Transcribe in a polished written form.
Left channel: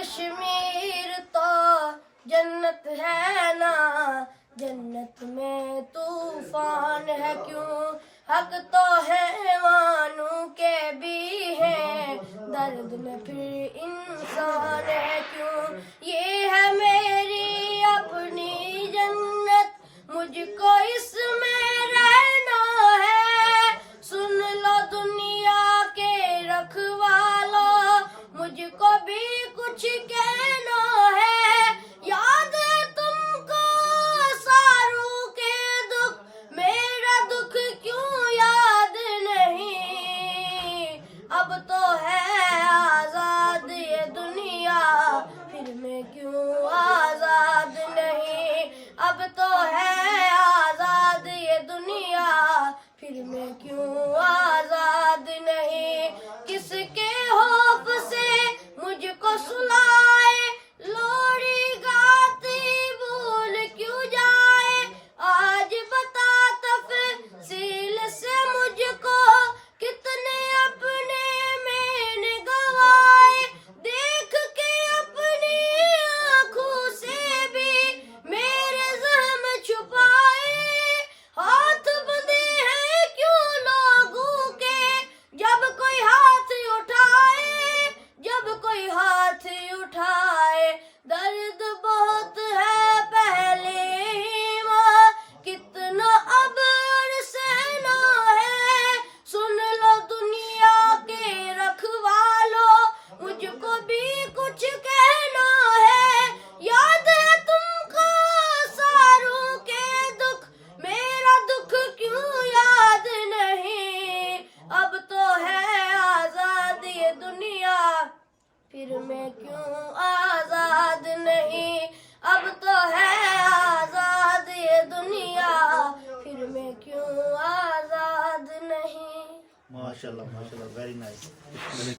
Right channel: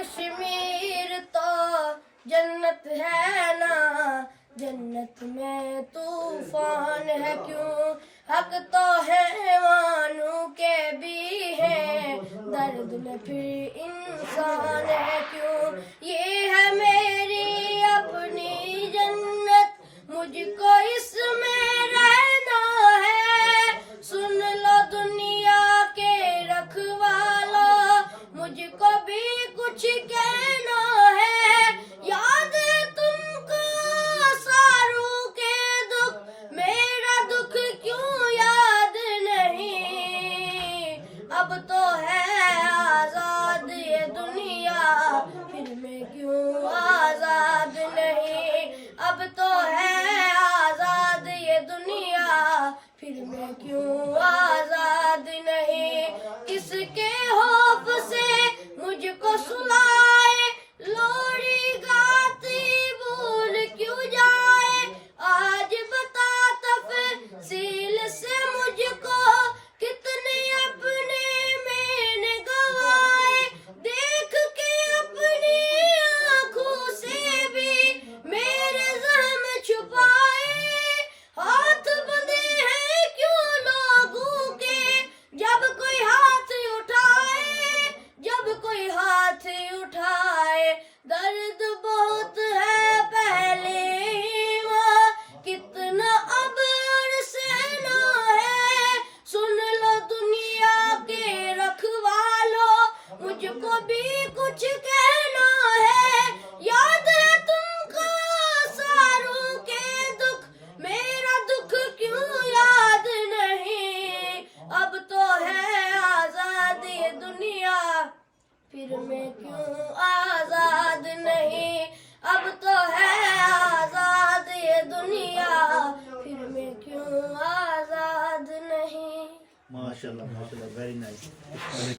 کشمیر تو جنت ہے نا، جنت میں طوفان ہے کیوں؟ حق تو حیوانوں کے بھی ہے، درد میں پھر انسان ہے کیوں؟ یہ ہے میری اپنی جنت، مجھ کو اس میں رہنا ہے۔ سن لو دنیا کے رکھوالو، مجھ کو بھی کچھ کہنا ہے۔ یاد ہے تم کو ساروں کے دکھ، میرا دکھ کیوں یاد نہیں؟ اب تو ہے آزاد یہ دنیا، پھر میں کیوں آزاد نہیں؟ اب تو ہے آزاد یہ دنیا، پھر میں کیوں آزاد نہیں؟ کس کے خوف سے مجھ کو سلائے، لوری گاتی بھول کیوں جائے؟ آج بتا تفصیل سے مجھ کو، کتنے اپنے میں نے گوائے؟ دیکھ کے اپنی آنکھوں سے بھی میرے زخم چھپائے۔ ہاتھ بندھے ہیں کیوں لوگوں کے، جب کوئی ہاتھ اٹھائے، جب کوئی ہاتھ اٹھائے؟ درد بہت ہے پہلے ہی وہاں، کتنا اب اور سہنا ہے۔ سن لو دنیا کے رکھوالو، مجھ کو بھی کچھ کہنا ہے۔ یاد ہے تم کو ساروں کے دکھ، میرا دکھ کیوں یاد نہیں؟ اب تو ہے آزاد یہ دنیا، پھر میں کیوں آزاد نہیں؟ اب تو ہے آزاد یہ دنیا، پھر میں کیوں آزاد نہیں؟ ماشاءاللہ ماشاءاللہ، ویری نائس.